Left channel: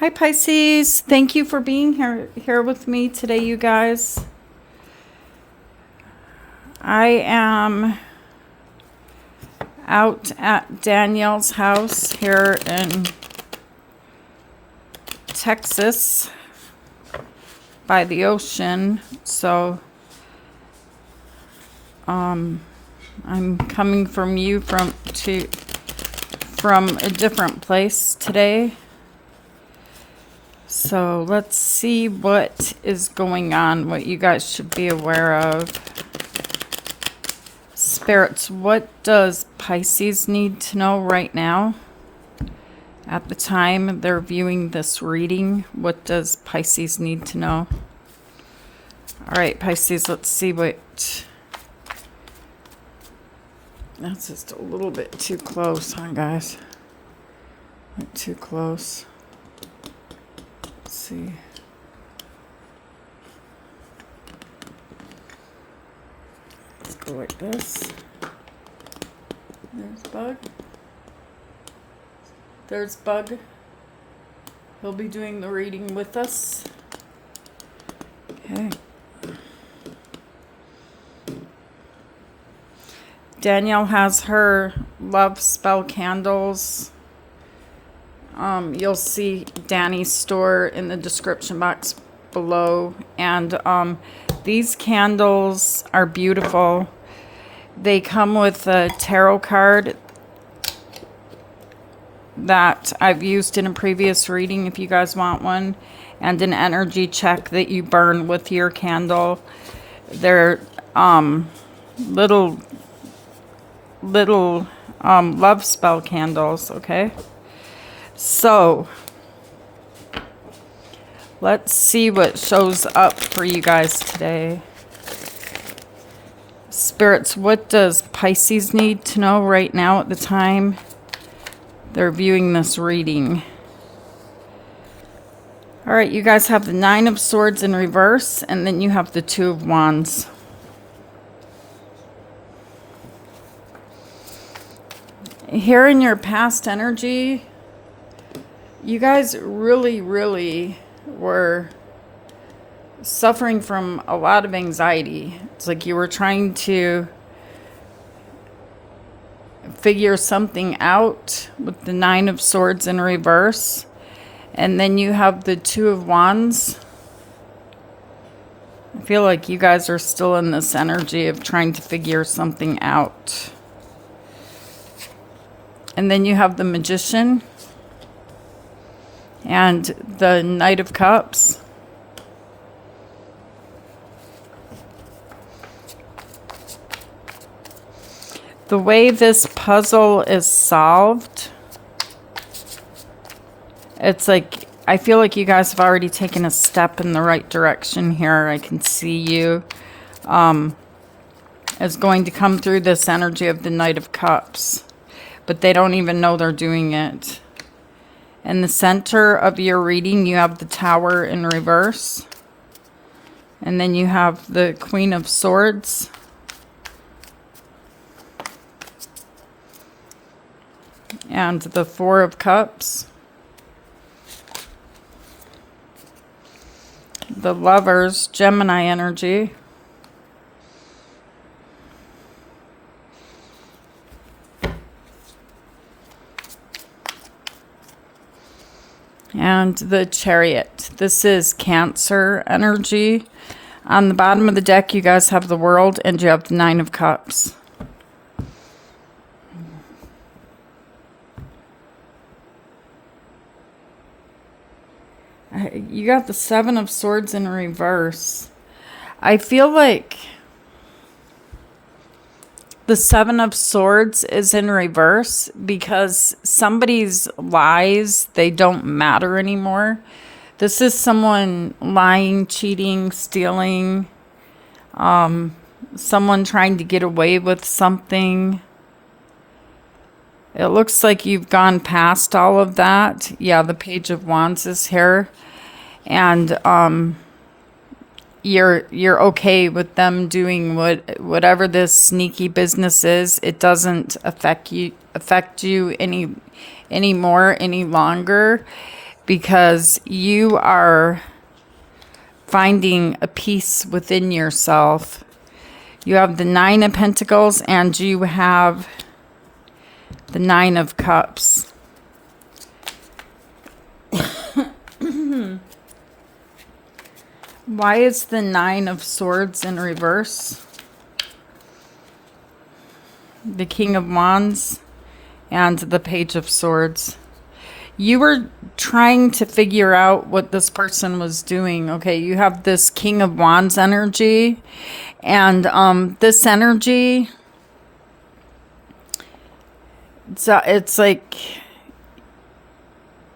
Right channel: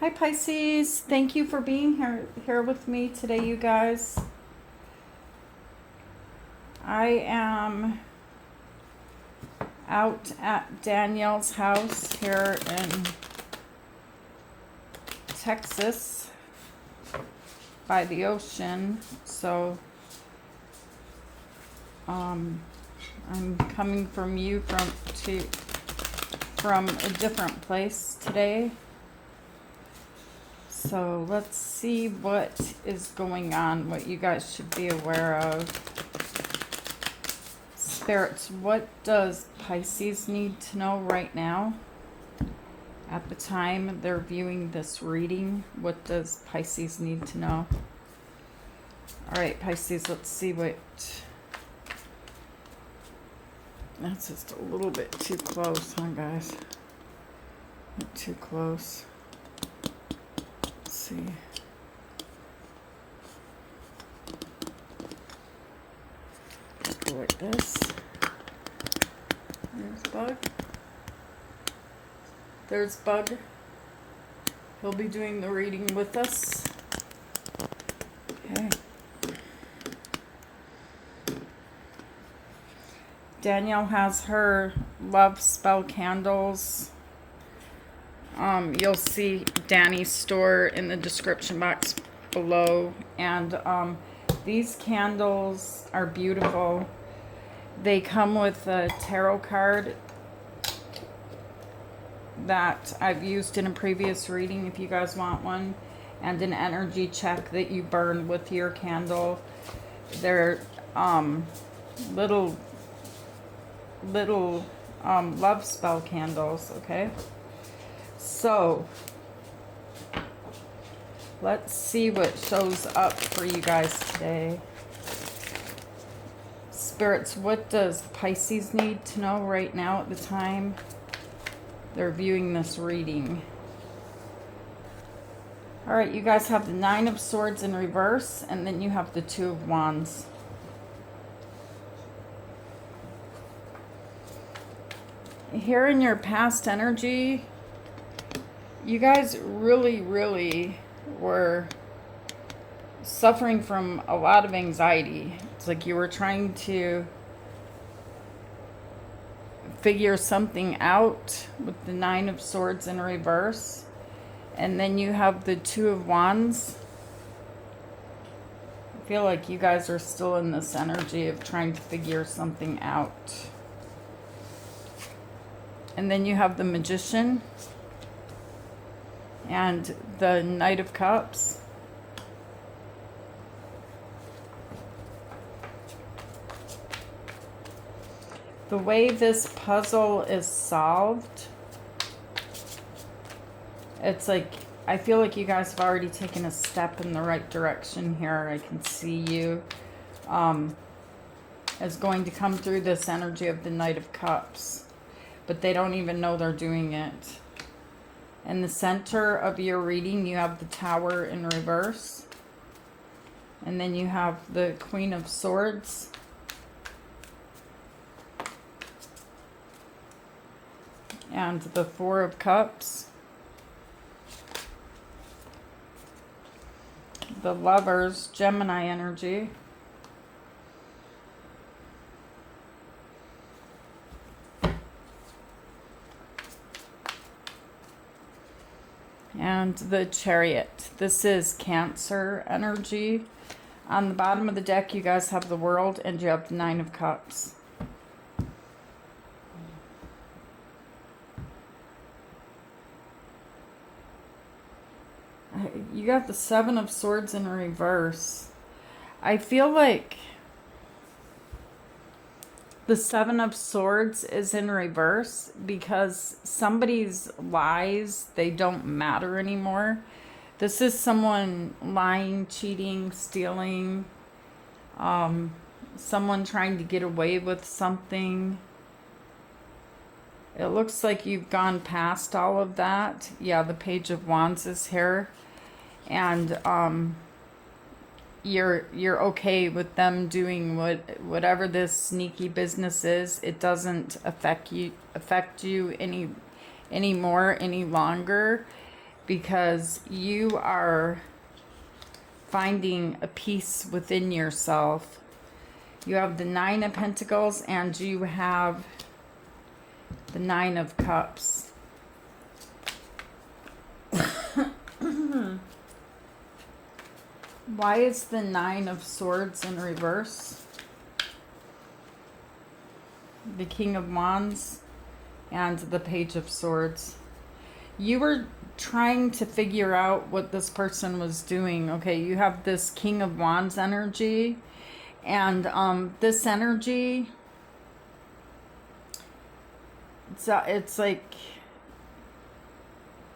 Hi Pisces, thank you for being here with me today, you guys. I am out at Danielle's house here in Texas by the ocean. So I'm coming from a different place today. So let's see what is going on, what you guys should be aware of. Spirits, what does Pisces need to know right now? At the time they're viewing this reading, what does Pisces need to know? All right, Pisces, let's see what... That's just a little bit too close, huh, guys? Not too close. Let's see. Let's go like this. There's Bug. There's Bug. He'll be doing the reading with us. Okay. Danielle has her love spell candles. You'll see Dany's store in the description box below. And these candles are beautiful. They come with a tarot card that I've used in a previous reading if you guys want one, and an energy check that you burn with your candle. They're little love spell candles, okay? So let's see what shows up for you guys today. Spirits, what does Pisces need to know right now at the time they're viewing this reading? All right, you guys have the Nine of Swords in reverse, and then you have the Two of Wands. Here in your past energy, you guys really were suffering from a lot of anxiety. It's like you were trying to figure something out with the Nine of Swords in reverse. And then you have the Two of Wands. I feel like you guys are still in this energy of trying to figure something out. And then you have the Magician and the Knight of Cups. The way this puzzle is solved, it's like, I feel like you guys have already taken a step in the right direction here. I can see you is going to come through this energy of the Knight of Cups, but they don't even know they're doing it. In the center of your reading, you have the Tower in reverse, and then you have the Queen of Swords. And the Four of Cups. The Lovers, Gemini energy. And the Chariot. This is Cancer energy. On the bottom of the deck, you guys have the World, and you have the Nine of Cups. You got the Seven of Swords in reverse. I feel like the Seven of Swords is in reverse because somebody's lies, they don't matter anymore. This is someone lying, cheating, stealing, someone trying to get away with something. It looks like you've gone past all of that. Yeah, the Page of Wands is here. And you're okay with them doing whatever this sneaky business is. It doesn't affect you any longer. because you are finding a peace within yourself. You have the Nine of Pentacles and you have the Nine of Cups. Why is the Nine of Swords in reverse? The King of Wands and the Page of Swords. You were trying to figure out what this person was doing. Okay, you have this King of Wands energy. And this energy, it's like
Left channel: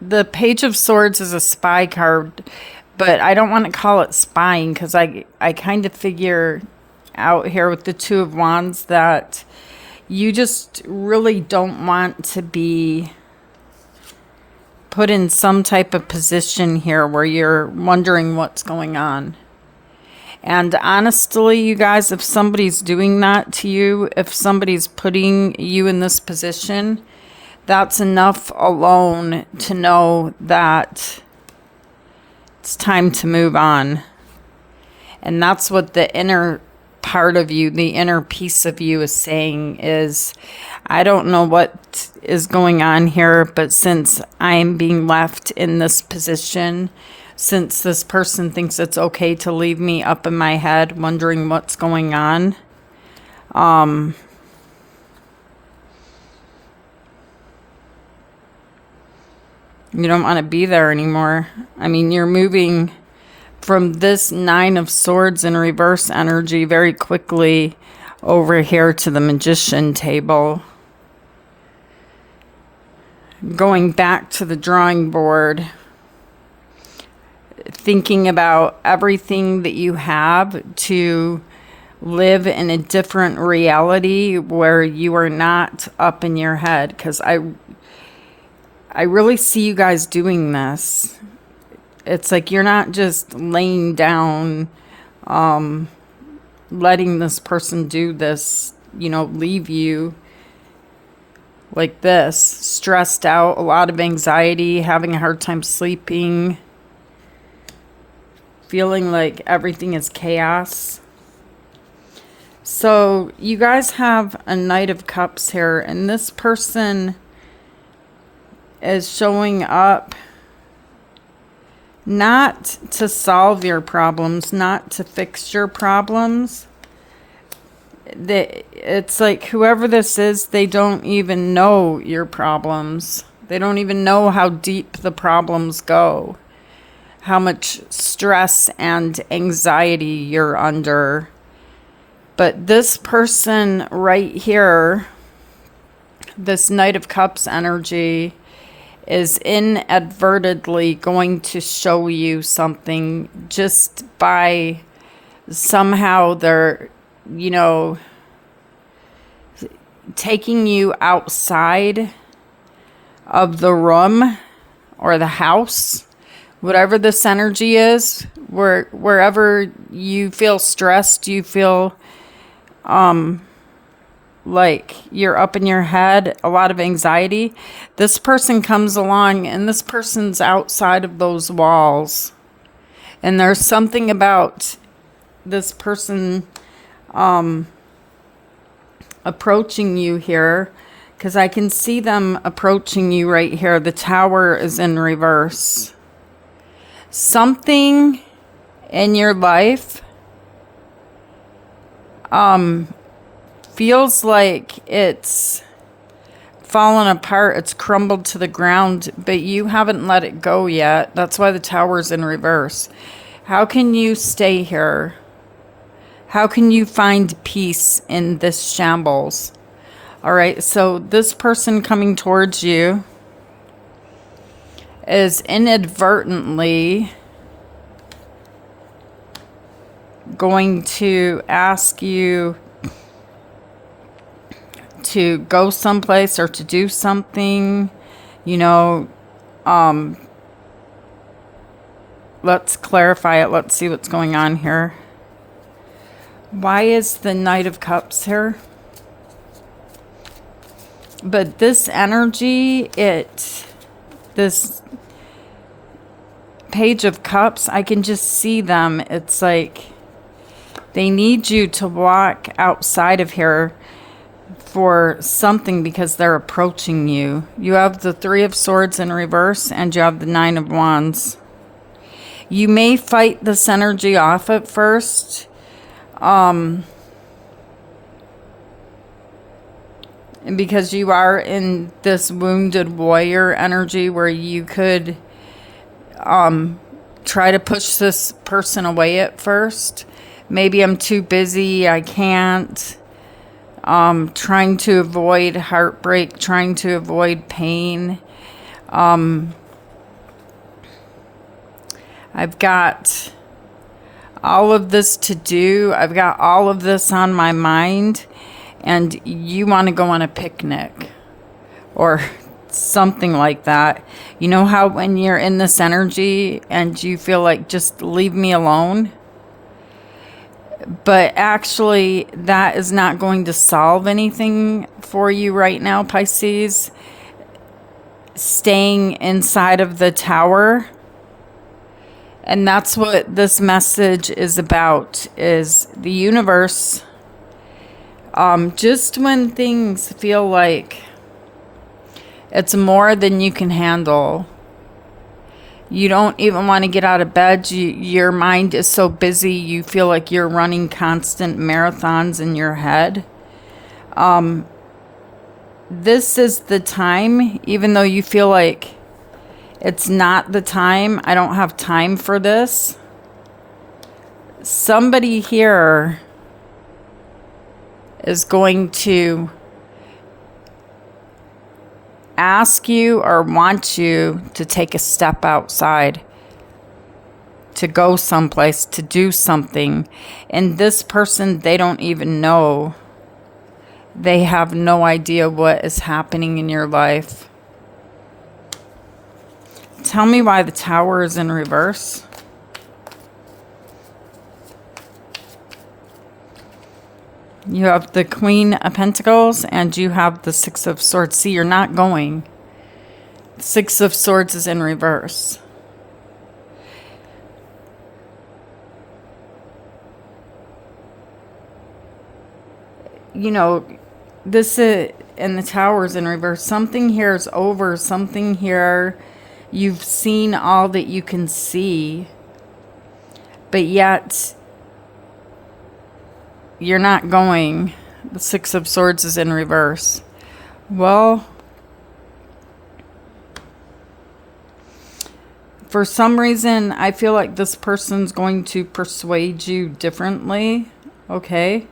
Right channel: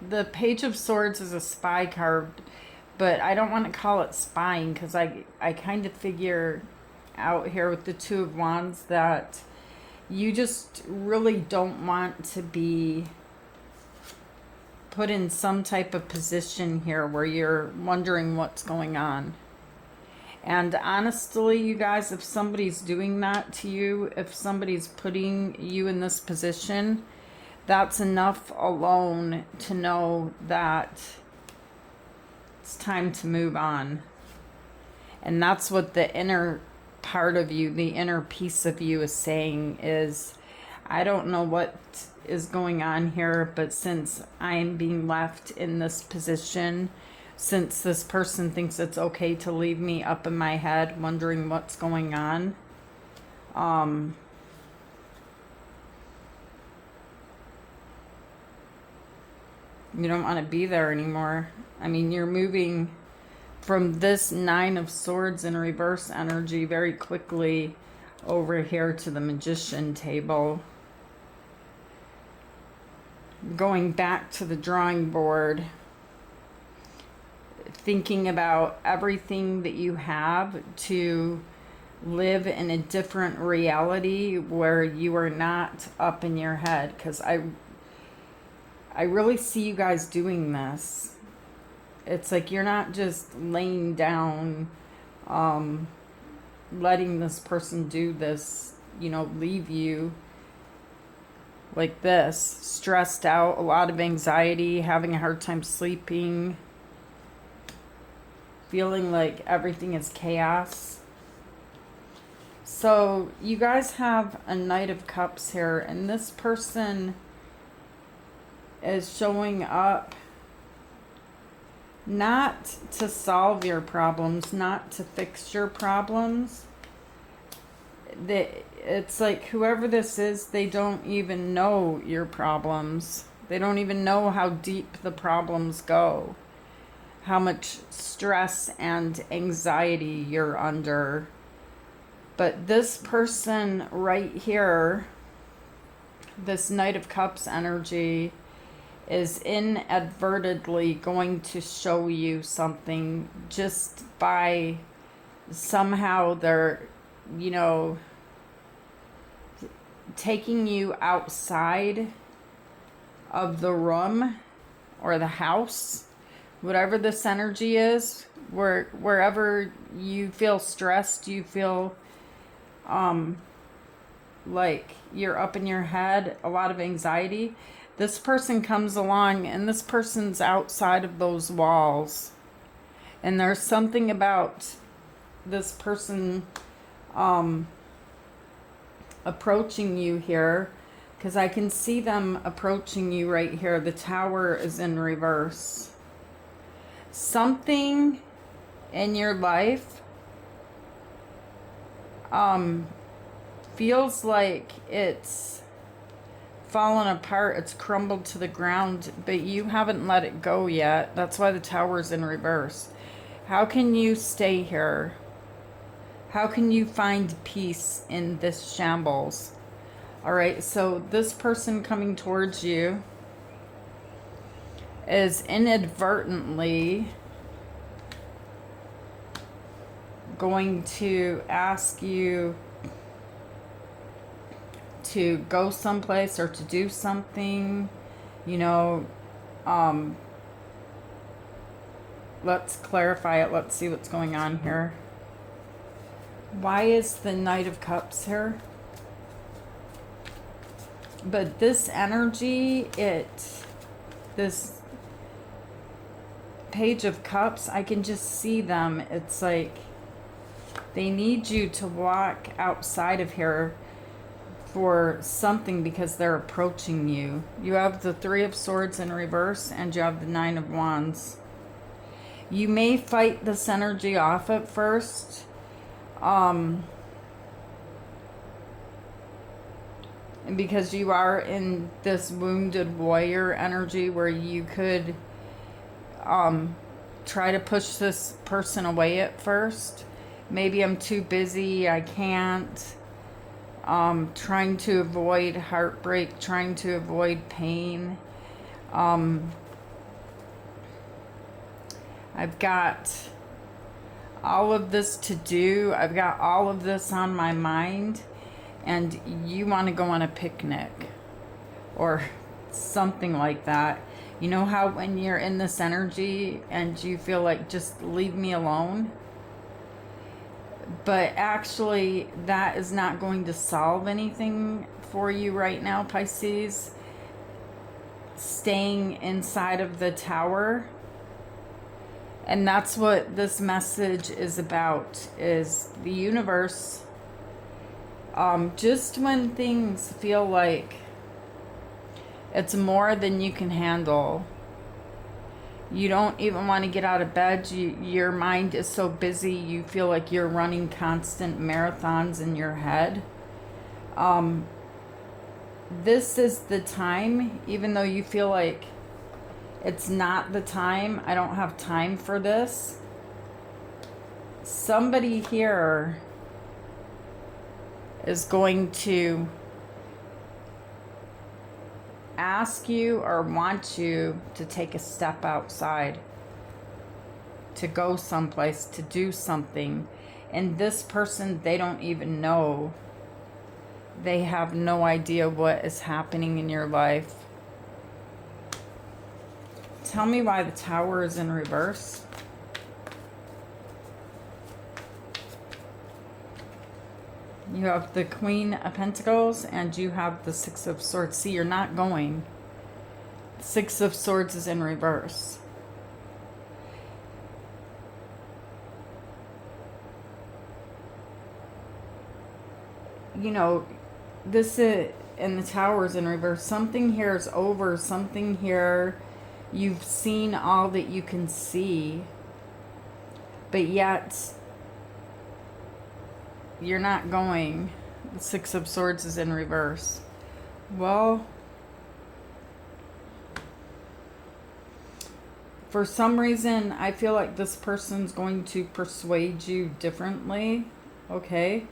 the Page of Swords is a spy card, but I don't want to call it spying because I kind of figure out here with the Two of Wands that you just really don't want to be put in some type of position here where you're wondering what's going on. And honestly, you guys, if somebody's doing that to you, if somebody's putting you in this position, that's enough alone to know that it's time to move on. And that's what the inner part of you, the inner piece of you is saying is, I don't know what is going on here, but since I'm being left in this position, since this person thinks it's okay to leave me up in my head wondering what's going on, you don't want to be there anymore. I mean, you're moving from this Nine of Swords in reverse energy very quickly over here to the Magician table. Going back to the drawing board, thinking about everything that you have to live in a different reality where you are not up in your head. Because I really see you guys doing this. It's like you're not just laying down, letting this person do this, you know, leave you like this, stressed out, a lot of anxiety, having a hard time sleeping, feeling like everything is chaos. So you guys have a Knight of Cups here, and this person is showing up not to solve your problems, not to fix your problems. It's like whoever this is, they don't even know your problems. They don't even know how deep the problems go, how much stress and anxiety you're under. But this person right here, this Knight of Cups energy, is inadvertently going to show you something just by somehow they're, you know, taking you outside of the room or the house, whatever this energy is, wherever you feel stressed, you feel like you're up in your head, a lot of anxiety. This person comes along and this person's outside of those walls. And there's something about this person approaching you here, because I can see them approaching you right here. The Tower is in reverse. Something in your life feels like it's fallen apart, it's crumbled to the ground, but you haven't let it go yet. That's why the Tower's in reverse. How can you stay here? How can you find peace in this shambles? All right, so this person coming towards you is inadvertently going to ask you to go someplace or to do something, you know. Let's clarify it. Let's see what's going on here. Why is the Knight of Cups here? But this energy, this Page of Cups, I can just see them. It's like they need you to walk outside of here for something because they're approaching you. You have the Three of Swords in reverse and you have the Nine of Wands. You may fight this energy off at first. Because you are in this wounded warrior energy where you could try to push this person away at first. Maybe I'm too busy, I can't. Trying to avoid heartbreak, trying to avoid pain. I've got all of this to do. I've got all of this on my mind. And you want to go on a picnic or something like that. You know how when you're in this energy and you feel like just leave me alone? But actually, that is not going to solve anything for you right now, Pisces. Staying inside of the tower. And that's what this message is about, is the universe. Just when things feel like it's more than you can handle, you don't even want to get out of bed. Your mind is so busy, you feel like you're running constant marathons in your head. This is the time, even though you feel like it's not the time, I don't have time for this. Somebody here is going to ask you or want you to take a step outside, to go someplace, to do something. And this person, they don't even know. They have no idea what is happening in your life. Tell me why the Tower is in reverse. You have the Queen of Pentacles and you have the Six of Swords. See, you're not going. Six of Swords is in reverse. You know, this is, and the Tower is in reverse. Something here is over. Something here, you've seen all that you can see. But yet, you're not going. The Six of Swords is in reverse. Well, for some reason, I feel like this person's going to persuade you differently. Okay.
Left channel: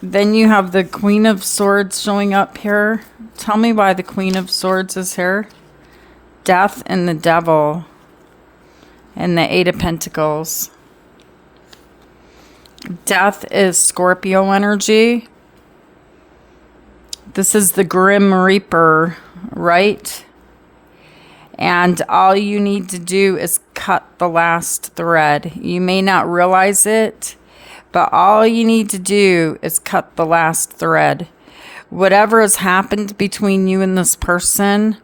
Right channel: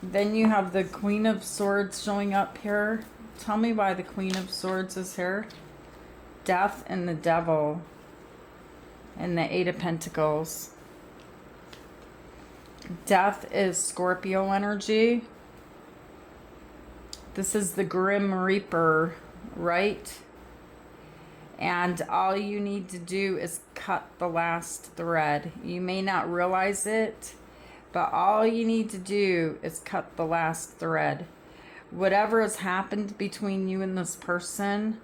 Then you have the Queen of Swords showing up here. Tell me why the Queen of Swords is here. Death and the Devil. And the Eight of Pentacles. Death is Scorpio energy. This is the Grim Reaper, right? And all you need to do is cut the last thread. You may not realize it, but all you need to do is cut the last thread. Whatever has happened between you and this person,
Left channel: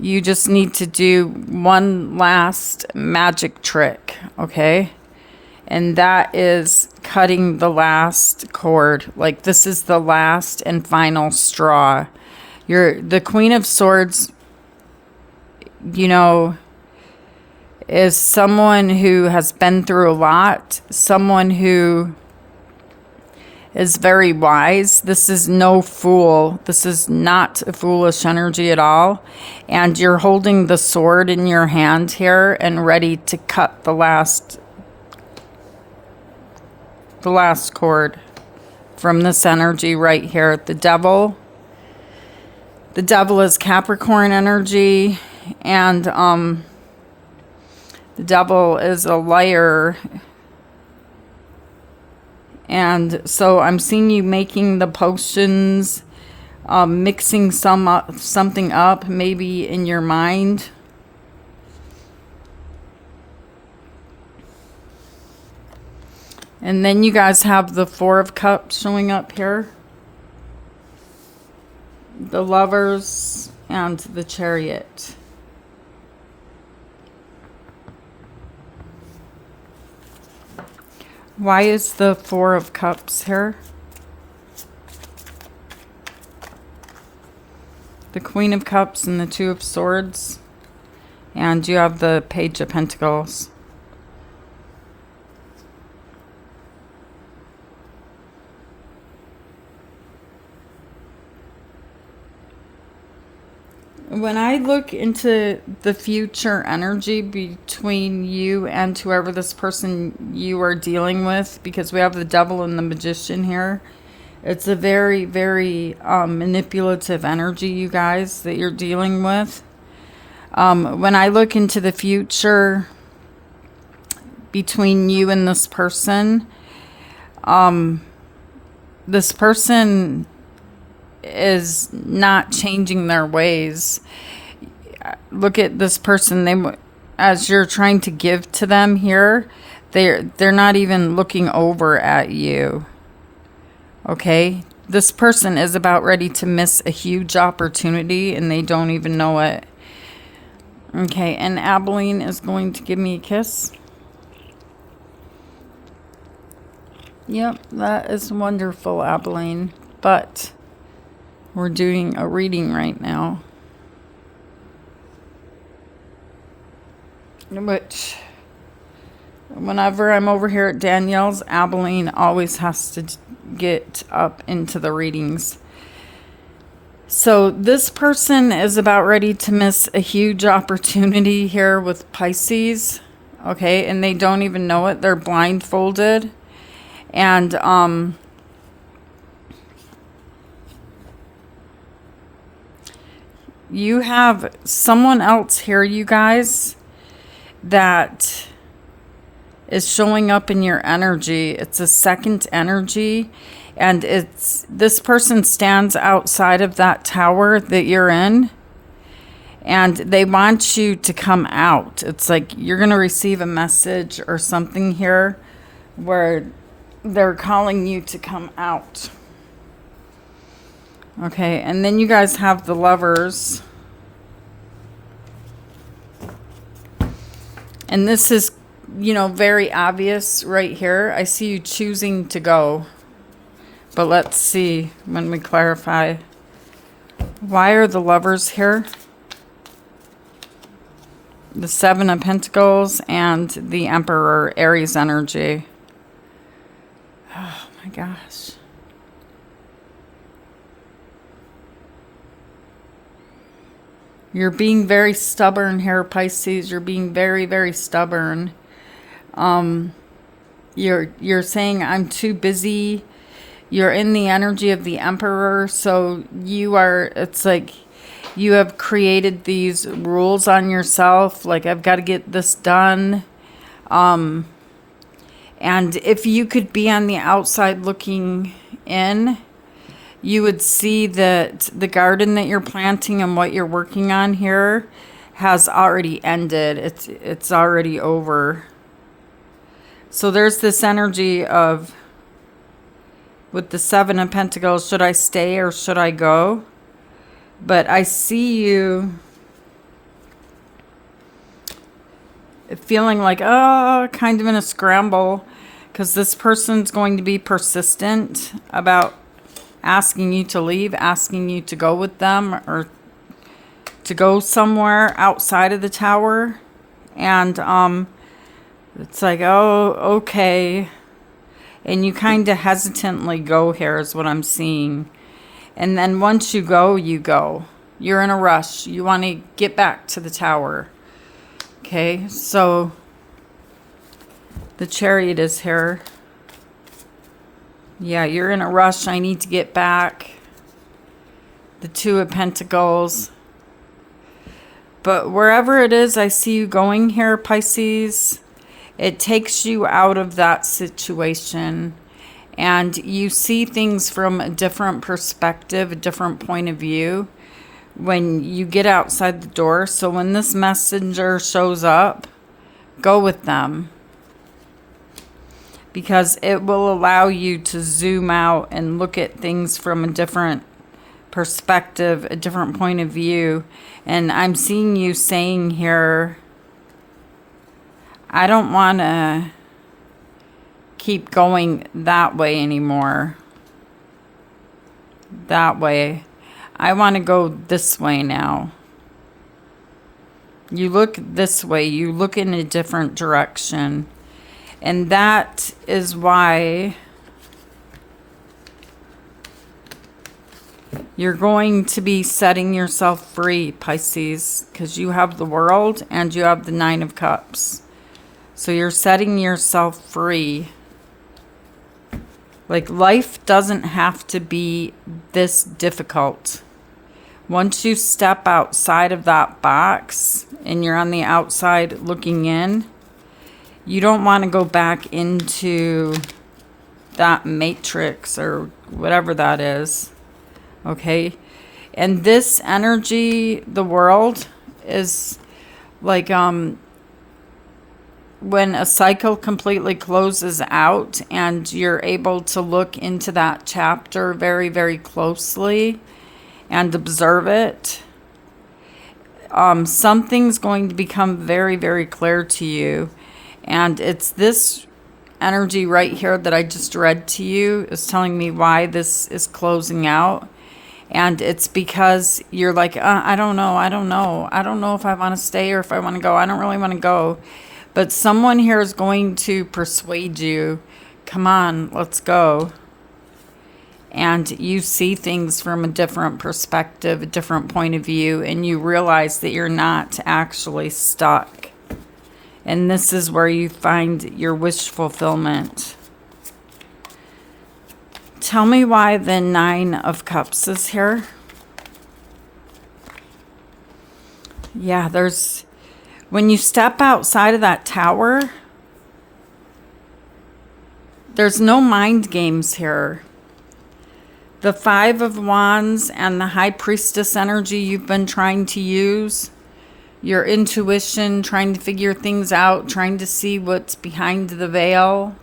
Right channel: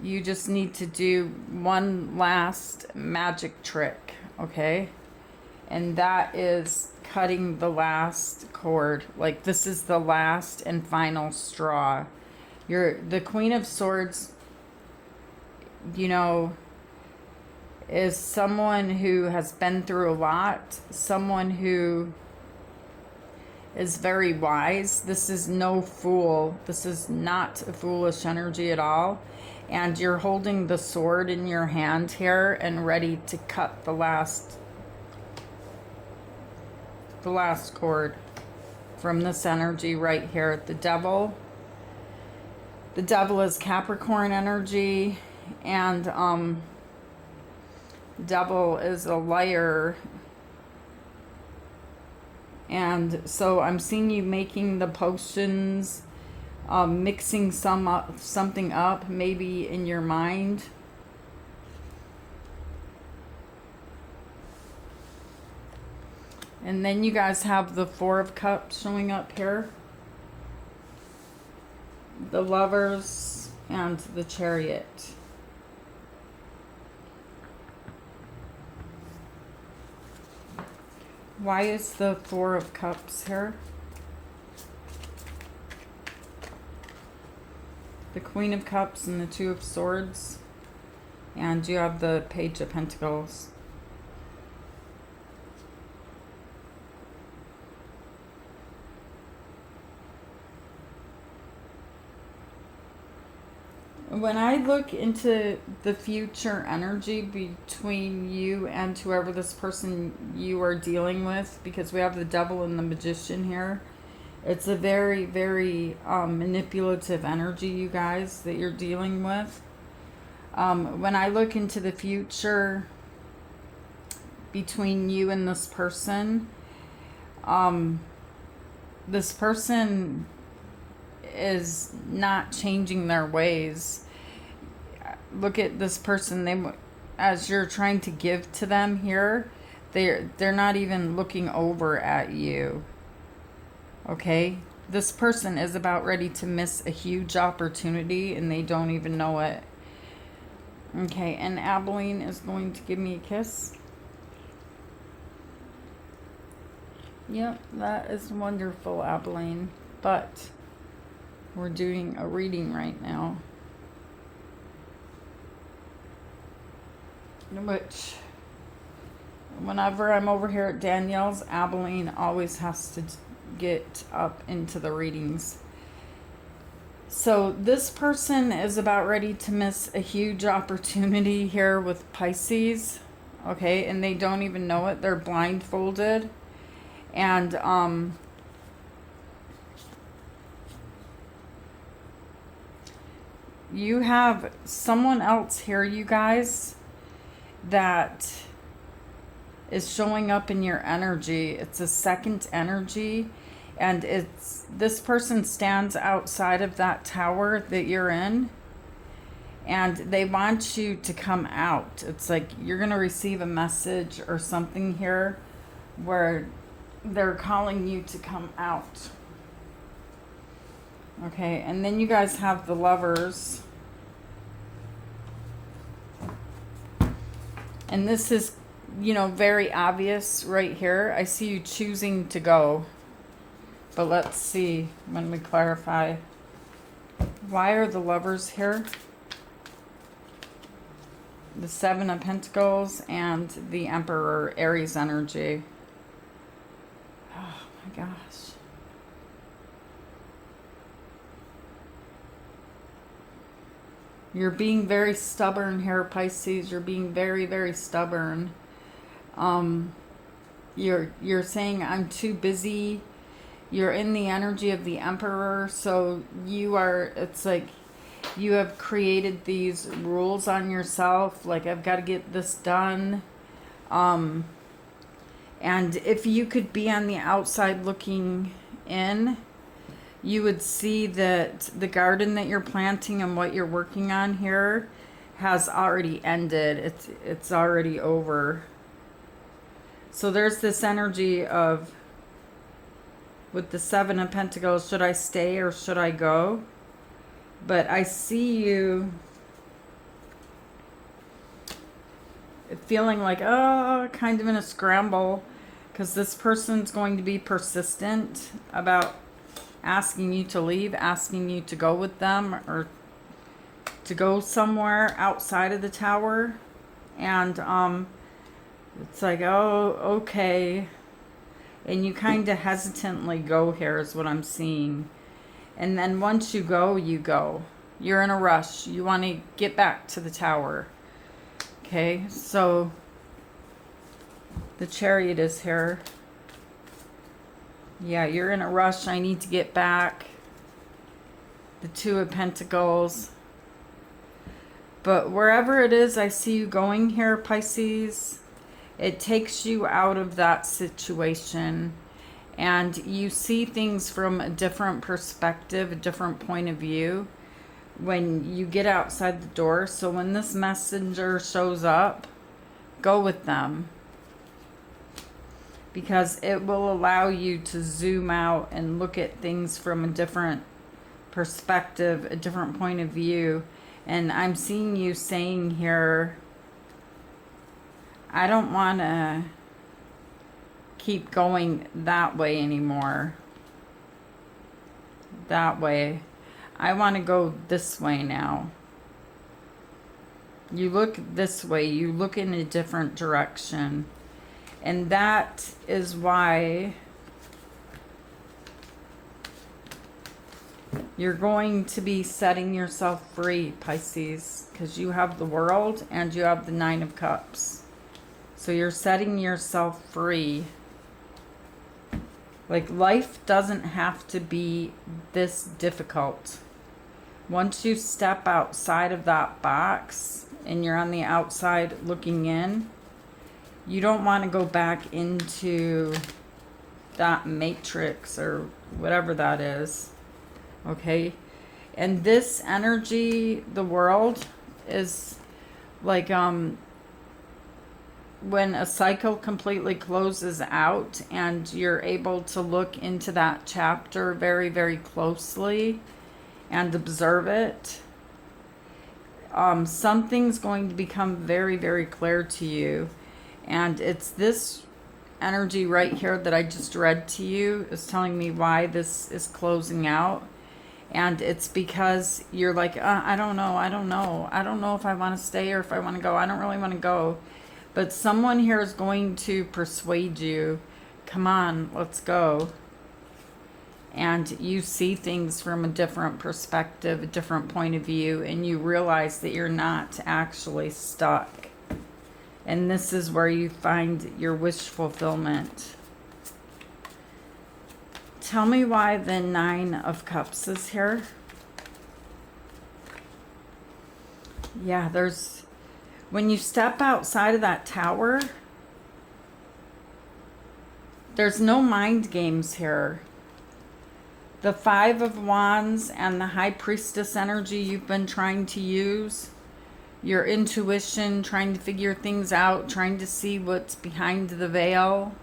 you just need to do one last magic trick, okay? And that is cutting the last cord. Like, this is the last and final straw. The Queen of Swords, you know, is someone who has been through a lot, someone who is very wise. This is no fool. This is not a foolish energy at all. And you're holding the sword in your hand here and ready to cut the last cord from this energy right here. The Devil is Capricorn energy, and the Devil is a liar. And so I'm seeing you making the potions, mixing something up, maybe in your mind. And then you guys have the Four of Cups showing up here. the Lovers, and the Chariot. Why is the Four of Cups here? The Queen of Cups and the Two of Swords. And you have the Page of Pentacles. When I look into the future energy between you and whoever this person you are dealing with, because we have the Devil and the Magician here, it's a very, very manipulative energy, you guys, that you're dealing with. When I look into the future between you and this person is not changing their ways. Look at this person. As you're trying to give to them here, they're not even looking over at you. Okay? This person is about ready to miss a huge opportunity and they don't even know it. Okay, and Abilene is going to give me a kiss. Yep, that is wonderful, Abilene. But we're doing a reading right now. Which, whenever I'm over here at Danielle's, Abilene always has to get up into the readings. So this person is about ready to miss a huge opportunity here with Pisces. Okay, and they don't even know it. They're blindfolded. And you have someone else here, you guys, that is showing up in your energy. It's a second energy, and this person stands outside of that tower that you're in, and they want you to come out. It's like you're going to receive a message or something here where they're calling you to come out. Okay, and then you guys have the Lovers. And this is, very obvious right here. I see you choosing to go. But let's see when we clarify. Why are the Lovers here? The Seven of Pentacles and the Emperor, Aries energy. Oh my gosh. You're being very stubborn here, Pisces. You're being very, very stubborn. You're saying I'm too busy. You're in the energy of the Emperor, so it's like you have created these rules on yourself, like I've got to get this done. And if you could be on the outside looking in, you would see that the garden that you're planting and what you're working on here has already ended. It's already over. So there's this energy of, with the Seven of Pentacles, should I stay or should I go? But I see you feeling like, kind of in a scramble, because this person's going to be persistent about asking you to leave, asking you to go with them or to go somewhere outside of the tower. And it's like, oh, okay. And you kind of hesitantly go here is what I'm seeing. And then once you go, you go. You're in a rush. You want to get back to the tower. Okay, so the Chariot is here. Yeah, you're in a rush. I need to get back. The Two of Pentacles. But wherever it is I see you going here, Pisces, it takes you out of that situation. And you see things from a different perspective, a different point of view when you get outside the door. So when this messenger shows up, go with them. Because it will allow you to zoom out and look at things from a different perspective, a different point of view. And I'm seeing you saying here, I don't want to keep going that way anymore. That way. I want to go this way now. You look this way. You look in a different direction. And that is why you're going to be setting yourself free, Pisces, because you have the World and you have the Nine of Cups. So you're setting yourself free. Like, life doesn't have to be this difficult. Once you step outside of that box and you're on the outside looking in, you don't want to go back into that matrix or whatever that is. Okay? And this energy, the World, is like when a cycle completely closes out and you're able to look into that chapter very, very closely and observe it, something's going to become very, very clear to you. And it's this energy right here that I just read to you is telling me why this is closing out. And it's because you're like, I don't know. I don't know if I want to stay or if I want to go. I don't really want to go. But someone here is going to persuade you, come on, let's go. And you see things from a different perspective, a different point of view, and you realize that you're not actually stuck. And this is where you find your wish fulfillment. Tell me why the Nine of Cups is here. Yeah, when you step outside of that tower, there's no mind games here. The Five of Wands and the High Priestess energy you've been trying to use, your intuition, trying to figure things out, trying to see what's behind the veil,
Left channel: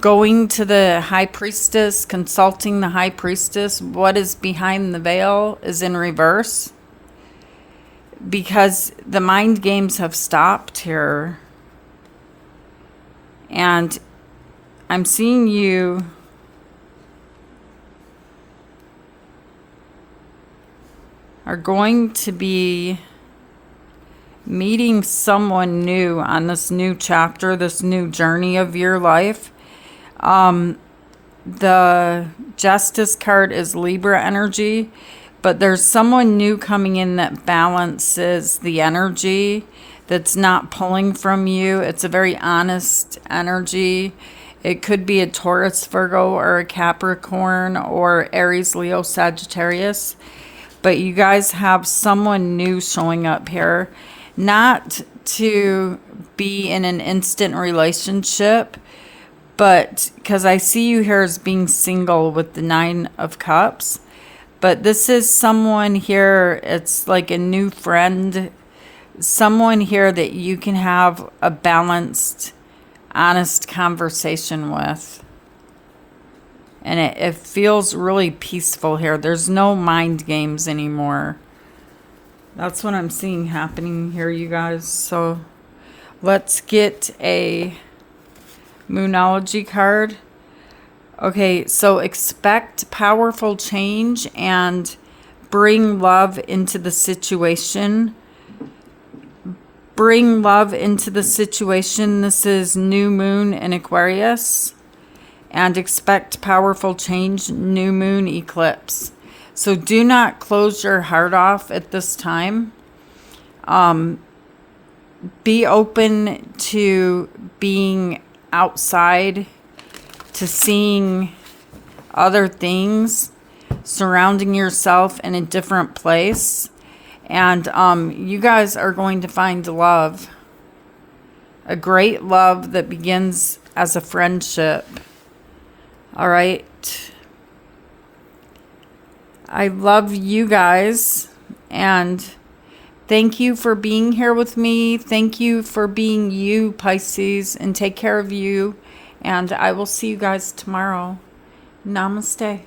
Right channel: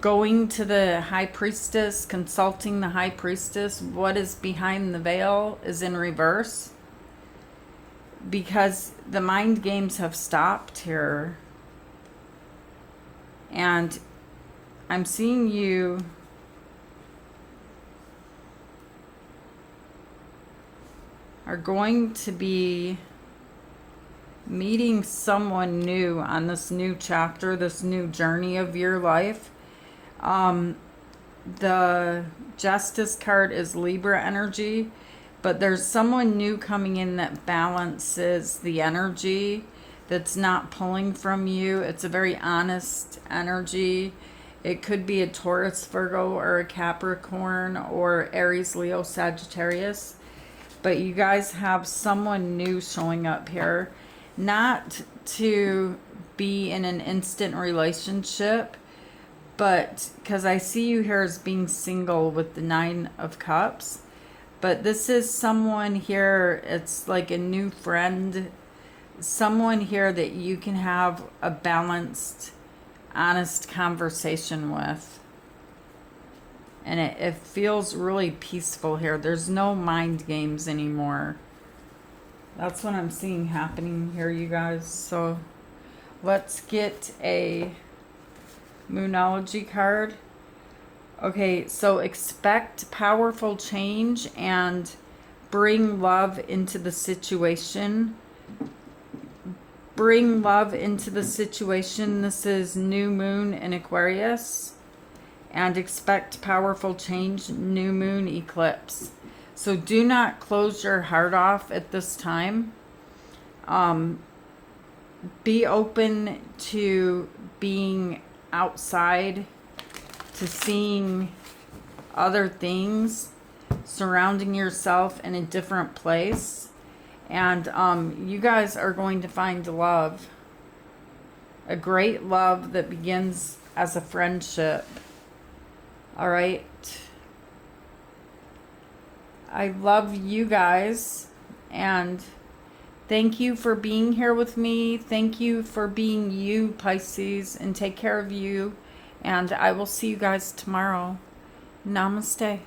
going to the High Priestess, consulting the High Priestess, what is behind the veil is in reverse. Because the mind games have stopped here. And I'm seeing you are going to be meeting someone new on this new chapter, this new journey of your life. The Justice card is Libra energy. But there's someone new coming in that balances the energy, that's not pulling from you. It's a very honest energy. It could be a Taurus, Virgo, or a Capricorn, or Aries, Leo, Sagittarius. But you guys have someone new showing up here. Not to be in an instant relationship, but because I see you here as being single with the Nine of Cups. But this is someone here, it's like a new friend, someone here that you can have a balanced, honest conversation with. And it feels really peaceful here. There's no mind games anymore. That's what I'm seeing happening here, you guys. So let's get a Moonology card. Okay, so expect powerful change and bring love into the situation. Bring love into the situation. This is new moon in Aquarius. And expect powerful change, new moon eclipse. So do not close your heart off at this time. Be open to being outside, to seeing other things, surrounding yourself in a different place. And you guys are going to find love. A great love that begins as a friendship. All right. I love you guys. And thank you for being here with me. Thank you for being you, Pisces. And take care of you. And I will see you guys tomorrow. Namaste.